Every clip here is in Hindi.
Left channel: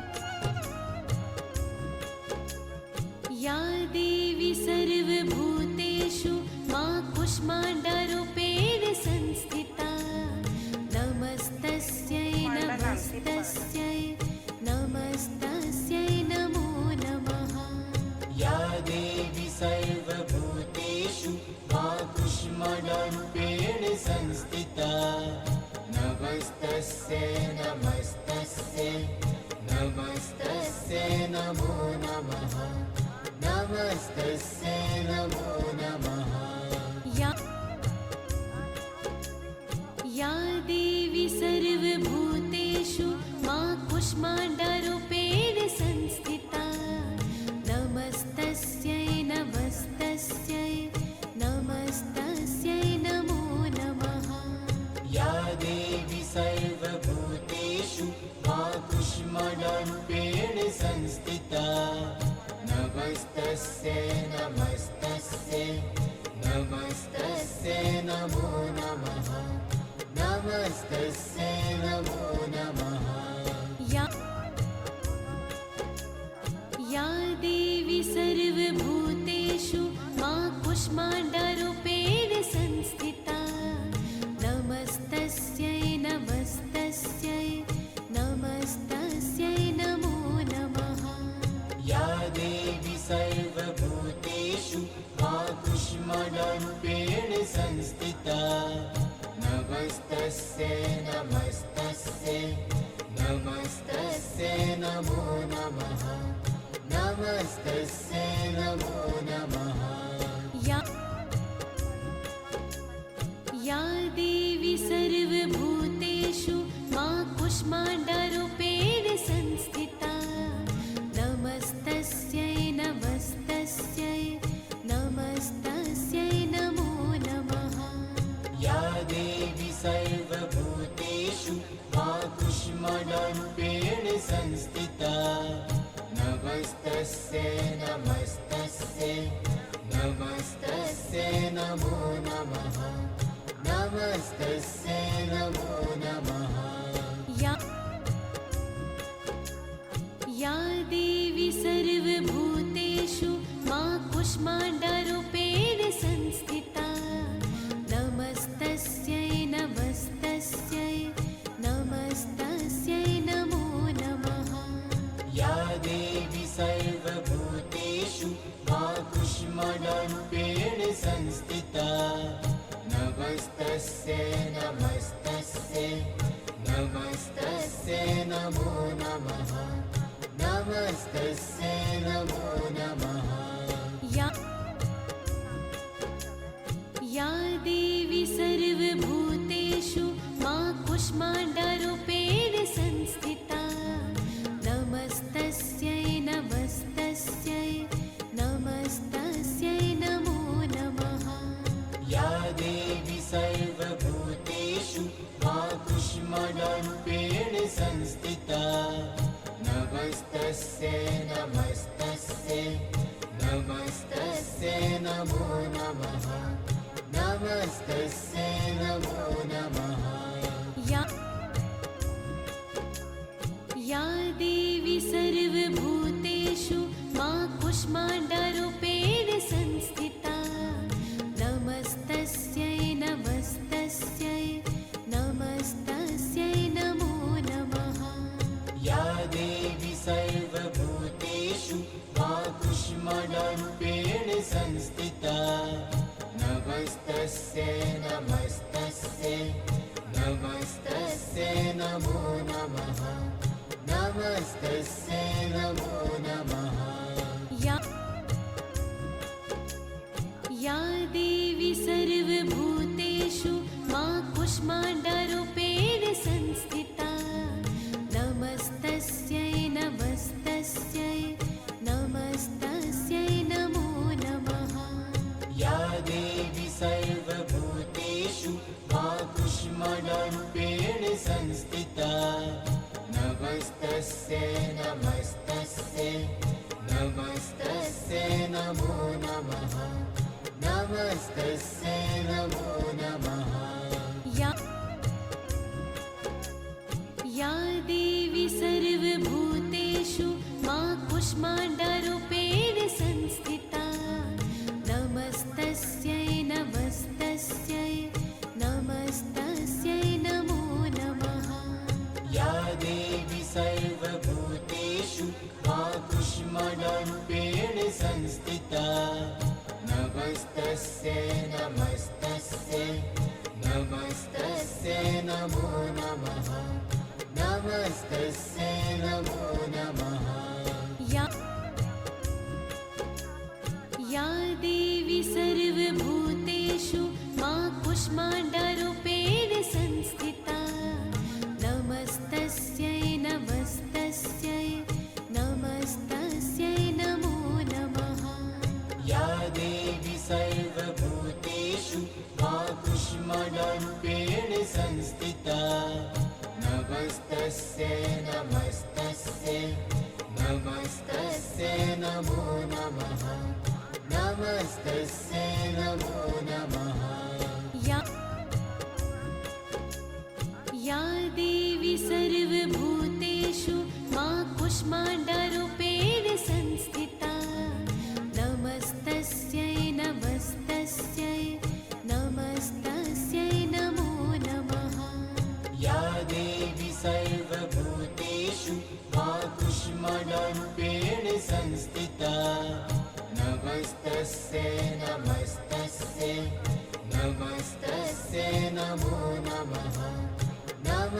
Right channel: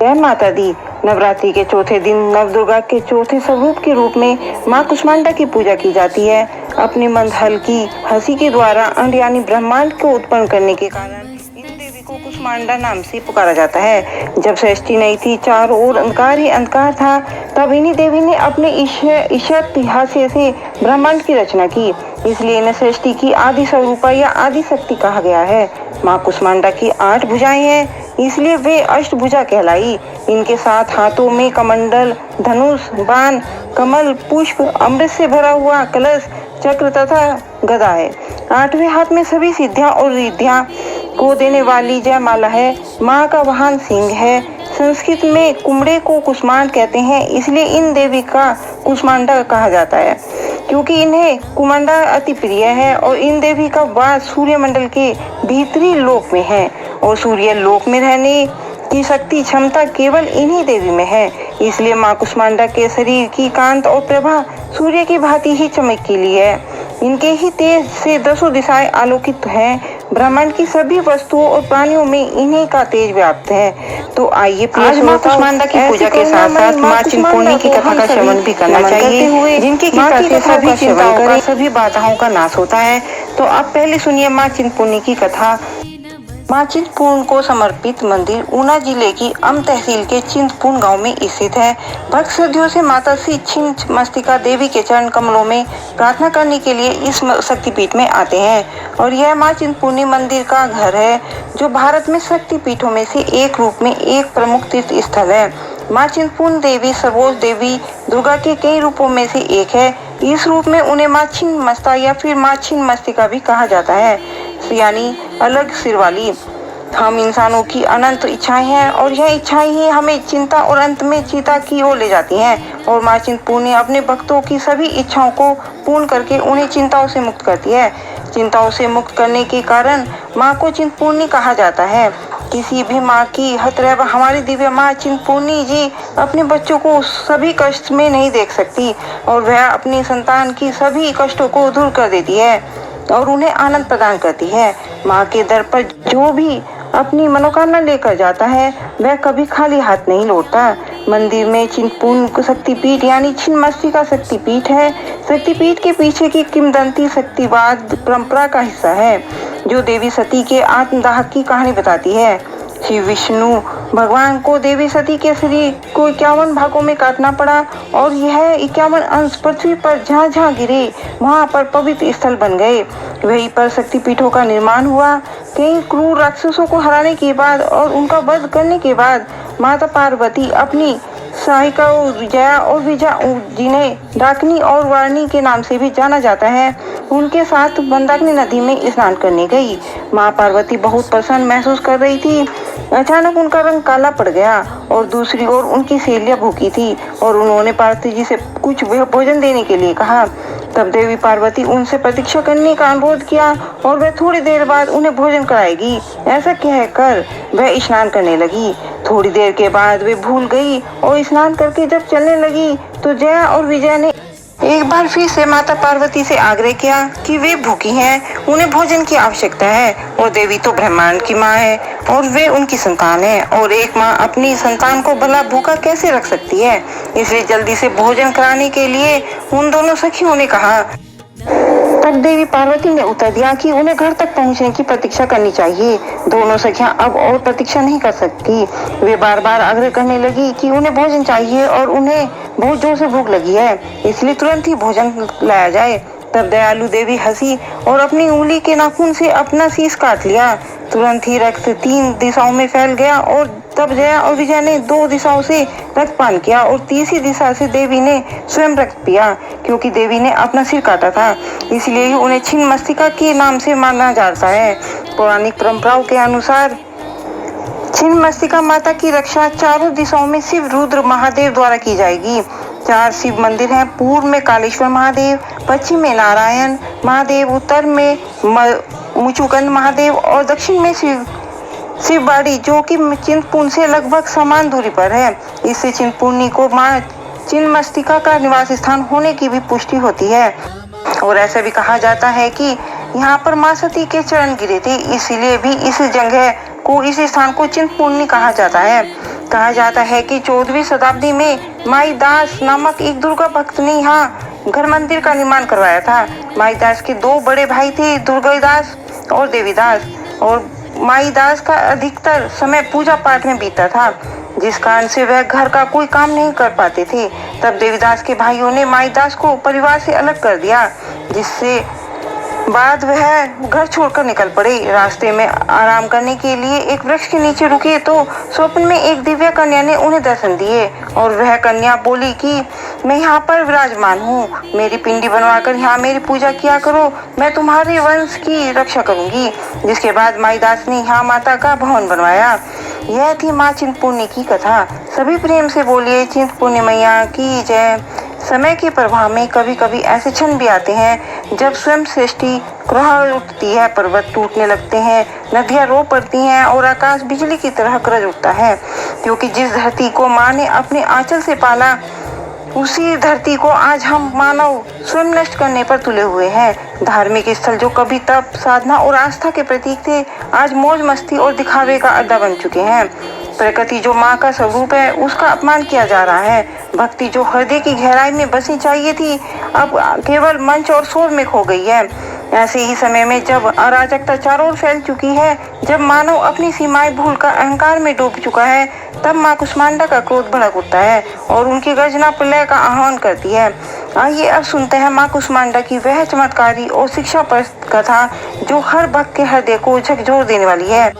जय माता दी। नवरात्रि के चौथे दिन नवदुर्गा के चौथे स्वरूप के रूप में माँ कुष्मांडा की पूजा की जाती है। अपनी मंदहल की हंसी के द्वारा अंड यानी ब्रह्मांड को उत्पन्न करने के कारण इन देवी को कुष्मांडा नाम से पुकारा जाता है। जब सृष्टि नहीं थी, चारों ओर अंधकार ही अंधकार था, तब इन्हीं देवी ने अपने ईशत हास्य से ब्रह्मांड की रचना की। इसलिए इन्हें सृष्टि की आदि स्वरूपा या आदि शक्ति कहा गया है। माँ कुष्मांडा की 8 भुजाएं हैं, इसलिए वे अष्टभुजा कहलाई। इनके 7 हाथों में कमंडल, धनुष, बाण, कमल, पुष्प, अमृत से भरा हुआ कलश, चक्र तथा गदा है। 8वें हाथ में सभी सिद्धियां और रिद्धियां को देने वाली जयमाला है। माँ का वाहन सिंह है। संस्कृत में कुमड़े को कुष्मांड कहते हैं, इसलिए इन देवी का कुष्मांडा कहा जाता है, क्योंकि इन्हें कुमांडा अति प्रिय है। और इन देवी का वास सूर्यमंडल के भीतरी लोक में है और सूर्य लोक में रहने की शक्ति क्षमता केवल इन्हीं देवी में है। इसलिए माँ कुष्मांडा के शरीर की कांत और प्रभा सूर्य की भांति ही चमकीली है। इनके ही तेज से 10 दिशाएं आलोकित हैं। ब्रह्मांड की सभी वस्तुओं और प्राणियों में इन्हीं का तेज व्याप्त है। तो आइए आज माँ कुष्मांडा की पूजा के साथ साथ माँ चिंतपूर्णी की कथा का श्रवण भी करना चाहिए, जिनकी कृपा से सभी चिंताओं का, सभी बाधाओं का नाश होता है। तो आप पहले सुनिए माँ चिंतपूर्णी की कथा। माँ चिंतपूर्ण को समर्पित मंदिर ऊना जिले की अम तहसील के चिंतपूर्ण गांव में स्थित है। भक्त श्रद्धाओं से माता श्री छिन्नमस्तिका देवी के चरण कमलों में प्रार्थना करने के लिए इस शक्तिपीठ में आते हैं। और यह माँ चिंतपूर्णी मंदिर का घर है, जो भारत में शक्तिपीठों में से एक रूप में एक प्रमुख तीर्थ स्थल है। माँ चिंतपूर्ण देवी सर्वोज देवी दुर्गा के कई रूपों में से एक है। इस रूप में उन्हें माँ छिन्नमस्ता या फिर माँ छिन्नमस्तिका भी कहा जाता है, यानी अलग सिर वाली। हम इंसानों की अनंत इच्छाएं हैं और यह इच्छाएं ही हमें चिंता और अंत में चिता की ओर ले जाती हैं। और माँ चिंतपूर्णी अपने भक्तों की सभी इच्छाओं को पूर्ण करके उन्हें चिंताओं से मुक्त करती है। चिंताओं से मुक्त करने के कारण माँ को चिंतपूर्णी कहा जाता है। किसी भी माँ की हतरह हमारी दिव्य माँ चिंतपूर्णी जी अपने बच्चों को सभी कष्ट में नहीं देख सकती और वह अपनी संतान की सभी कष्टों को दूर कर देती है और उन्हें आनंद प्रदान करती है। माँ के दर पर जो भी अपनी मनोकामना लेकर जाता है, वह कभी खाली हाथ नहीं लौटता। मंदिर में चिंतपूर्ण शक्तिपीठ यानी छिन्नमस्तिका शक्तिपीठ है। शक्तिपीठ के पीछे की किंवदंती शक्तिवाद परंपरा का हिस्सा है, जो देवी सती के आत्मदाह की कहानी बताती है। श्री विष्णु भगवान को देवी सती के शरीर को 51 भागों में काटना पड़ा और यह 51 अंश पृथ्वी पर जहाँ जहाँ गिरे वहाँ पर पवित्र स्थल बन गए। वहीं पर शक्तिपीठों का निर्माण हुआ। कई क्रूर राक्षसों को हराने के बाद और उनका वध करने के बाद माता पार्वती अपनी सहायिकाओं जया और विजया, जिन्हें डाकिनी और वाणी के नाम से भी जाना जाता है, उनके साथ मंदाकिनी नदी में स्नान करने गई। माँ पार्वती बहुत प्रसन्न महसूस कर रही थी। अचानक उनका रंग काला पड़ गया और दूसरी ओर उनकी सहेलियां भूखी थी और उन्होंने पार्वती जी से कुछ भोजन देने के लिए कहा। तब देवी पार्वती उनसे प्रतीक्षा करने का अनुरोध किया और वह थोड़ी देर बाद उन्हें भोजन कराएगी। ऐसा कहकर वह स्नान करने लगी। थोड़ी देर के बाद वे भूल गई और स्नान करके जब चलने लगी तो जया और विजय ने एक बार फिर से माता पार्वती से आग्रह किया कि वे भूखी हैं, उन्हें भोजन की आवश्यकता है। और देवी तो ब्रह्मांड की माँ है और वे उनकी संतान है, और एक माँ अपनी संतान को भला भूखा कैसे रख सकती है। इसलिए जल्दी से भोजन कराने के लिए उन दोनों सखियों ने कहा। तब देवी पार्वती ने उत्तर दिया कि उन्हें घर तक पहुंचने की प्रतीक्षा करनी चाहिए। दोनों सखियां अब और प्रतीक्षा नहीं कर सकती। वे बार बार आग्रह करने लगी कि उन्हें भोजन चाहिए और उन्हें बहुत जोर से भूख लगी है, इसलिए तुरंत ही भोजन लाया जाए। तब दयालु देवी हंसी और अपनी उंगली के नाखून से अपना शीश काट लिया। तुरंत ही रक्त 3 दिशाओं में फैल गया और तब जया और विजय ने 2 दिशाओं से रक्तपान किया और तीसरी दिशा से देवी ने स्वयं रक्त पिया। क्योंकि देवी ने अपना सिर काटा था, इसलिए ही उन्हें छिन्नमस्तिका के नाम से माना जाता है। पौराणिक परंपराओं के अनुसार छिन्नमस्तिका माता की रक्षा चारों दिशाओं में शिव रुद्र महादेव द्वारा की जाएगी। 4 शिव मंदिर हैं। पूर्व में कालेश्वर महादेव, पश्चिम में नारायण महादेव, उत्तर में मुचुकुंद महादेव और दक्षिण में शिवबाड़ी, जो कि चिंतपूर्ण से लगभग समान दूरी पर है। इससे चिंतपूर्णी को माँ छिन्नमस्तिका का निवास स्थान होने की भी पुष्टि होती है। और ऐसा भी कहा जाता है कि यहाँ पर माँ सती के चरण गिरे थे, इसलिए भी इस जगह को, इस स्थान को चिंतपूर्णी कहा जाता है। कहा जाता है कि 14वीं शताब्दी में माईदास नामक एक दुर्गा भक्त ने यहाँ घर मंदिर का निर्माण करवाया था। माईदास के दो बड़े भाई थे, दुर्गादास और देवीदास, और माईदास का अधिकतर समय पूजा पाठ में बीता था, जिस कारण से वह घर का कोई काम नहीं कर पाते थे। तब देवीदास के भाइयों ने माईदास को परिवार से अलग कर दिया, जिससे बाद वह घर छोड़कर निकल पड़े। रास्ते में आराम करने के लिए एक वृक्ष के नीचे रुके तो स्वप्न में एक दिव्य कन्या ने उन्हें दर्शन दिए, और वह कन्या बोली कि मैं यहाँ पर विराजमान हूँ, मेरी पिंडी बनवाकर यहाँ मेरी पूजा किया करो, मैं तुम्हारे वंश की रक्षा करूंगी। जिसके बाद माईदास ने यहाँ माता का भवन बनवाया। यह थी माँ चिंतपूर्णी की कथा। सभी प्रेम से बोलिए चिंतपूर्णी मैया की जय। समय के प्रभाव में कभी कभी ऐसे क्षण भी आते हैं जब स्वयं सृष्टि क्रह उठती है, पर्वत टूटने लगते हैं, नदियां रो पड़ती हैं और आकाश बिजली की तरह गरज उठता है, क्योंकि जिस धरती को माँ ने अपने आंचल से पाला, उसी धरती को आज हम मानव स्वयं नष्ट करने पर तुले हुए हैं। धार्मिक स्थल जो कभी तप, साधना और आस्था के प्रतीक थे, आज मौज मस्ती और दिखावे का अड्डा बन चुके हैं। प्रकृति जो माँ का स्वरूप है, उसका अपमान किया जा रहा है। भक्ति जो हृदय की गहराई में बसनी चाहिए थी, अब केवल मंच और शोर में खो गई है। ऐसे ही समय में जब अराजकता चारों ओर फैल चुकी है, जब मानव अपनी सीमाएं भूलकर अहंकार में डूब चुका है, तब माँ कुष्मांडा का क्रोध भड़क उठता है और उनकी गर्जना प्रलय का आह्वान करती है। आइए अब सुनते हैं माँ कुष्मांडा की वह चमत्कारी और शिक्षाप्रद कथा जो हर भक्त के हृदय को झकझोर देने वाली है।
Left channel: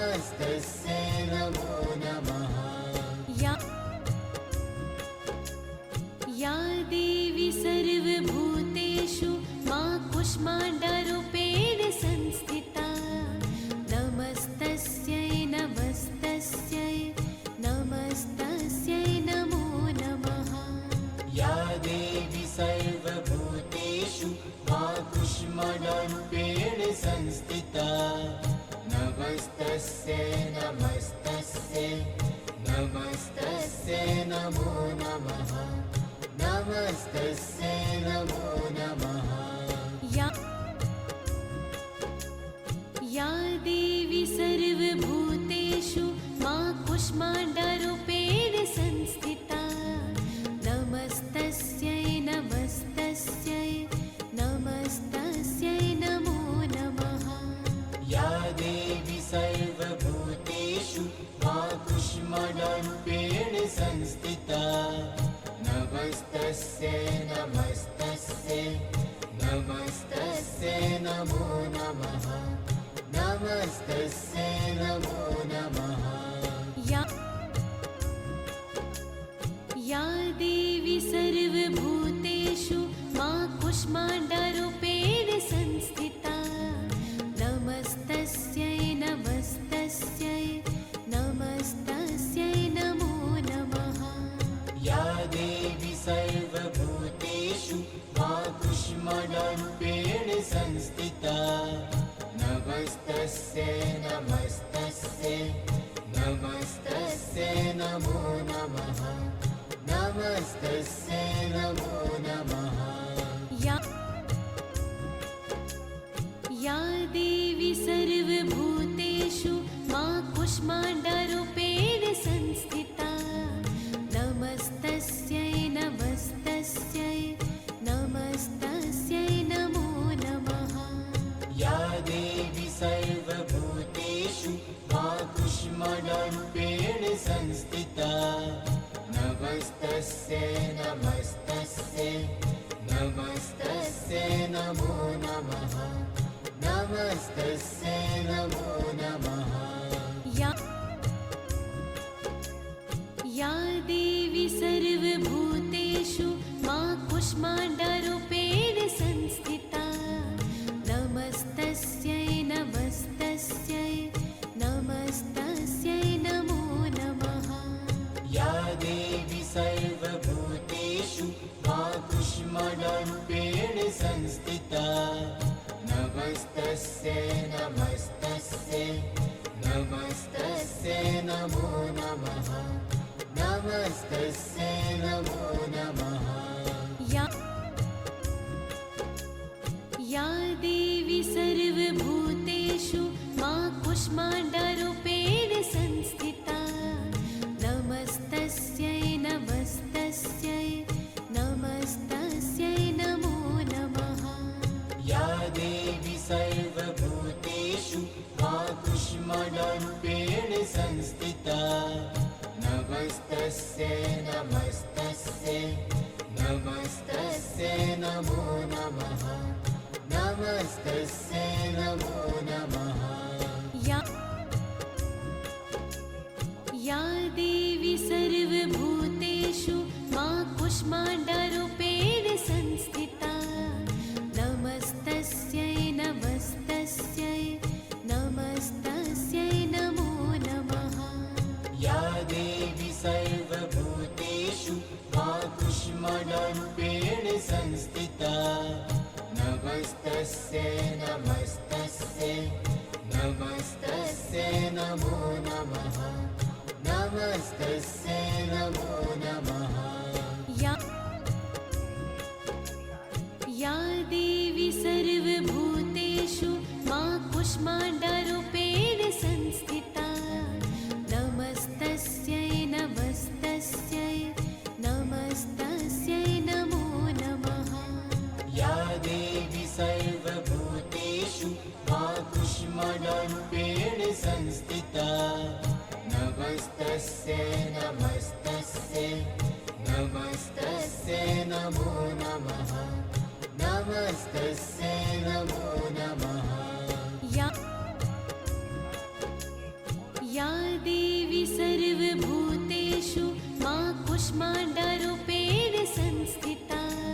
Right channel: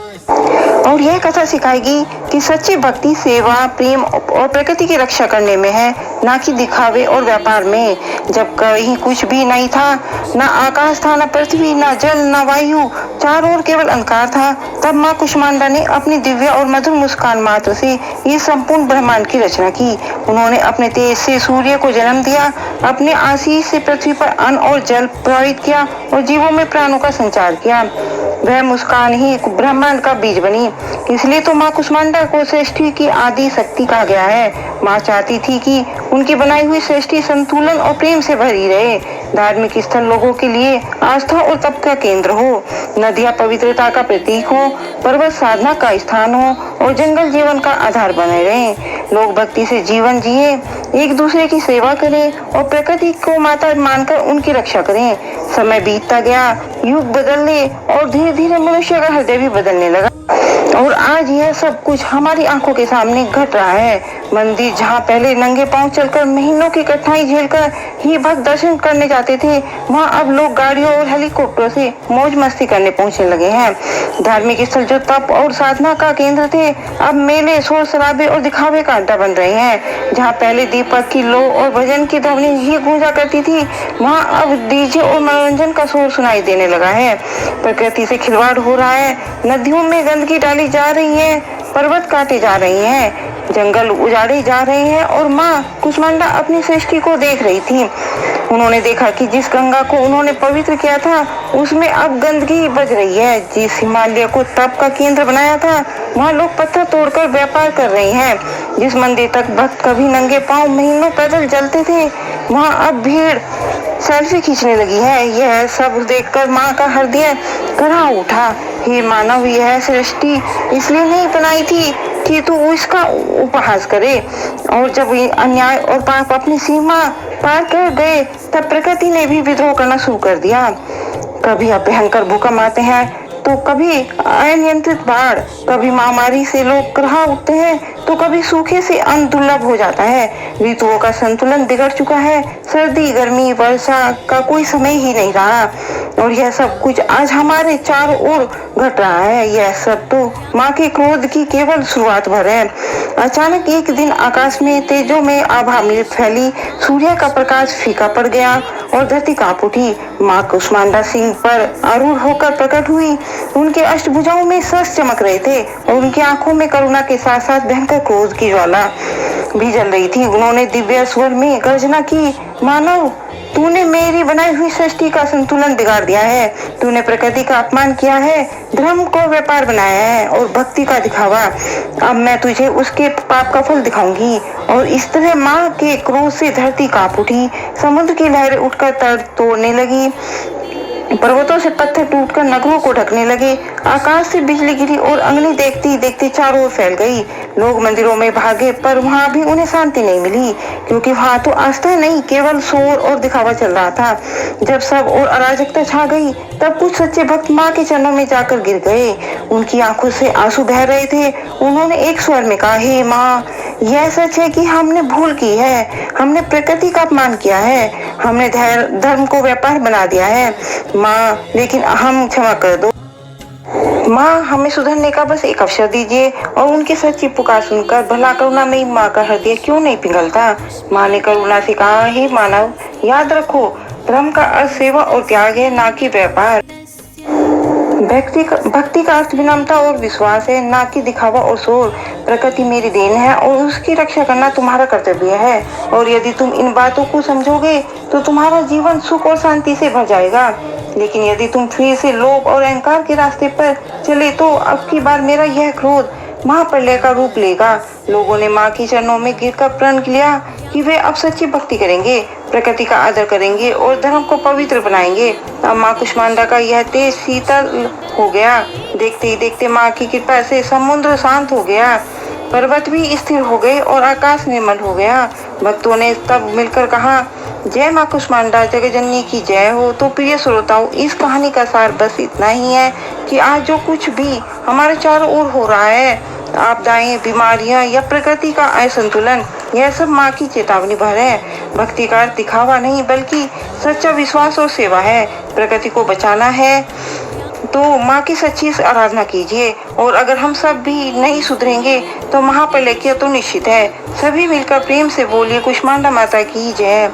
और यह कथा सिखाएगी कि सच्ची भक्ति सेवा, प्रेम और प्रकृति की रक्षा करने में है, ना कि दिखावे और व्यापार में। जब कहीं कुछ भी नहीं था, ना आकाश था, ना पृथ्वी, ना जल, ना वायु, चारों ओर केवल अंधकार था, तब माँ कुष्मांडा ने अपनी दिव्य और मधुर मुस्कान मात्र से ये संपूर्ण ब्रह्मांड की रचना की। उन्होंने अपने तेज से सूर्य को जन्म दिया, अपने आशीष से पृथ्वी पर अन्न और जल प्रवाहित किया और जीवों में प्राणों का संचार किया। वह मुस्कान ही ब्रह्मांड का बीज बनी। इसलिए तो माँ कुष्मांडा को सृष्टि की आदि शक्ति कहा गया है। माँ चाहती थी कि उनकी बनाई हुई सृष्टि संतुलन और प्रेम से भरी रहे। धार्मिक स्थल लोगों के लिए आस्था और तप का केंद्र हो, नदियाँ पवित्रता का प्रतीक हो, पर्वत साधना का स्थान हो और जंगल जीवन का आधार बने रहे। लोग भक्ति से जीवन जिए, एक दूसरे की सेवा करें और प्रकृति को माता मानकर उनकी रक्षा करें। समय बीतता गया, युग बदलने और धीरे धीरे मनुष्य का हृदय भी बदलने लगा, और आज यह सब कुछ हमारी आंखों के सामने घट रहा है। मंदिर जहाँ पहले नंगे पांव चलकर महीनों की कठिनाई झेलकर ही भक्त दर्शन करने जाते थे, वहाँ अब लोग गाड़ियों और हेलीकॉप्टर से मौज मस्ती करने पहुँचने लगे हैं। धार्मिक स्थल जो तप और साधना का केंद्र थे, अब मेले, शोर शराबे और दिखावे का अड्डा बन रहे हैं। जहाँ पहले दीपक की लो और भजन की ध्वनि ही गूंजा करती थी, वहाँ अब डीजे और मनोरंजन का शोर सुनाई देने लगा है। प्रकृति से खिलवाड़ हो रहा है, नदियों में गंदगी डाली जा रही है, पर्वत काटे जा रही हैं, जंगल उजाड़े जा रहे हैं, और माँ कुष्मांडा अपनी सृष्टि को देख रही थी। उन्होंने देखा कि जिस गंगा को उन्होंने पवित्र किया था, उसमें अब गंदगी बज रही है। जिस हिमालय को तप का केंद्र बनाया था, वहाँ लोग पत्थर तोड़कर व्यापार कर रहे हैं। जिस मंदिर तक भक्त कभी नंगे पांव महीनों पैदल चलते थे, वहाँ अब भीड़ सेल्फी खींचने लगी है। यह सब देखकर माँ का हृदय कहाँ उठा। हे मानव, यह सृष्टि इसलिए नहीं बनाई थी कि तू इसका उपहास करे, और जब अन्याय और पाप अपनी सीमा पार कर गए, तब प्रकृति ने भी विद्रोह करना शुरू कर दिया। कभी भयंकर भूकंप आते हैं, तो कभी अनियंत्रित बाढ़, कभी महामारी से लोग क्रहा उठते हैं, तो कभी सूखे से अन्न दुर्लभ हो जाता है। ऋतुओं का संतुलन बिगड़ चुका है, सर्दी, गर्मी, वर्षा का कोई समय ही नहीं रहा, और यह सब कुछ आज हमारे चारों ओर घट रहा है। यह सब तो माँ के क्रोध की केवल शुरुआत भर है। अचानक एक दिन आकाश में तेजों में आभा में फैली, सूर्य का प्रकाश फीका पड़ गया और धरती कांप उठी। माँ कुष्मांडा सिंह पर आरूढ़ होकर प्रकट हुई। उनके अष्टभुजाओं में शस्त्र चमक रहे थे और उनकी आंखों में करुणा के साथ साथ भयंकर क्रोध की ज्वाला भी जल रही थी। उन्होंने दिव्य स्वर में गर्जना की, मानव, तूने मेरी बनाई हुई सृष्टि का संतुलन बिगाड़ दिया है। तूने प्रकृति का अपमान किया है, धर्म को व्यापार बनाया है और भक्ति का दिखावा। अब मैं तुझे उसके पाप का फल दिखाऊंगी। और इस तरह माँ के क्रोध से धरती कांप उठी, समुद्र की लहरें उठकर तट तोड़ने लगी, पर्वतों से पत्थर टूटकर नगरों को ढकने लगे। आकाश से बिजली गिरी और अग्नि देखते ही देखते चारों ओर फैल गई। लोग मंदिरों में भागे, पर वहां भी उन्हें शांति नहीं मिली, क्योंकि वहां तो आस्था नहीं, केवल शोर और दिखावा चल रहा था। जब सब और अराजकता छा गई, तब कुछ सच्चे भक्त माँ के चरणों में जाकर गिर गए। उनकी आंखों से आंसू बह रहे थे। उन्होंने एक स्वर में कहा, हे माँ, यह सच है कि हमने भूल की है, हमने प्रकृति का अपमान किया है, हमने धर्म को व्यापार बना दिया है माँ, लेकिन हम क्षमा कर दो माँ, हमें सुधरने का बस एक अवसर दीजिए। और उनकी सच्ची पुकार सुनकर भला करुणामयी माँ का हृदय क्यों नहीं पिघलता। माँ ने करुणा से कहा, हे मानव, याद रखो, धर्म का अर्थ सेवा और त्याग है, ना कि व्यापार। भक्ति का अर्थ विनम्रता और विश्वास है, ना कि दिखावा और शोर। प्रकृति मेरी देन है और उसकी रक्षा करना तुम्हारा कर्तव्य है। और यदि तुम इन बातों को समझोगे तो तुम्हारा जीवन सुख और शांति से भर जाएगा। लेकिन यदि तुम फिर से लोभ और अहंकार के रास्ते पर चले तो अब की बार मेरा यह क्रोध महाप्रलय का रूप लेगा। लोगों ने माँ के चरणों में गिरकर प्रण लिया कि वे अब सच्ची भक्ति करेंगे, प्रकृति का आदर करेंगे और धर्म को पवित्र बनाएंगे। अब माँ कुष्मांडा का यह तेज शीतल हो गया। देखते ही देखते माँ की कृपा से समुद्र शांत हो गया, पर्वत भी स्थिर हो गए और आकाश निर्मल हो गया। भक्तों ने तब मिलकर कहा, जय माँ कुष्मांडा जगजननी की जय हो। तो प्रिय श्रोताओं, इस कहानी का सार बस इतना ही है कि आज जो कुछ भी हमारे चारों ओर हो रहा है, आपदाएं, बीमारियां या प्रकृति का असंतुलन, यह सब माँ की चेतावनी भर है। भक्ति का अर्थ दिखावा नहीं, बल्कि सच्चा विश्वास और सेवा है। प्रकृति को बचाना है तो माँ की सच्ची आराधना कीजिए। और अगर हम सब भी नहीं सुधरेंगे तो महाप्रलय तो निश्चित है। सभी मिलकर प्रेम से बोलिए, कुष्मांडा माता की जय।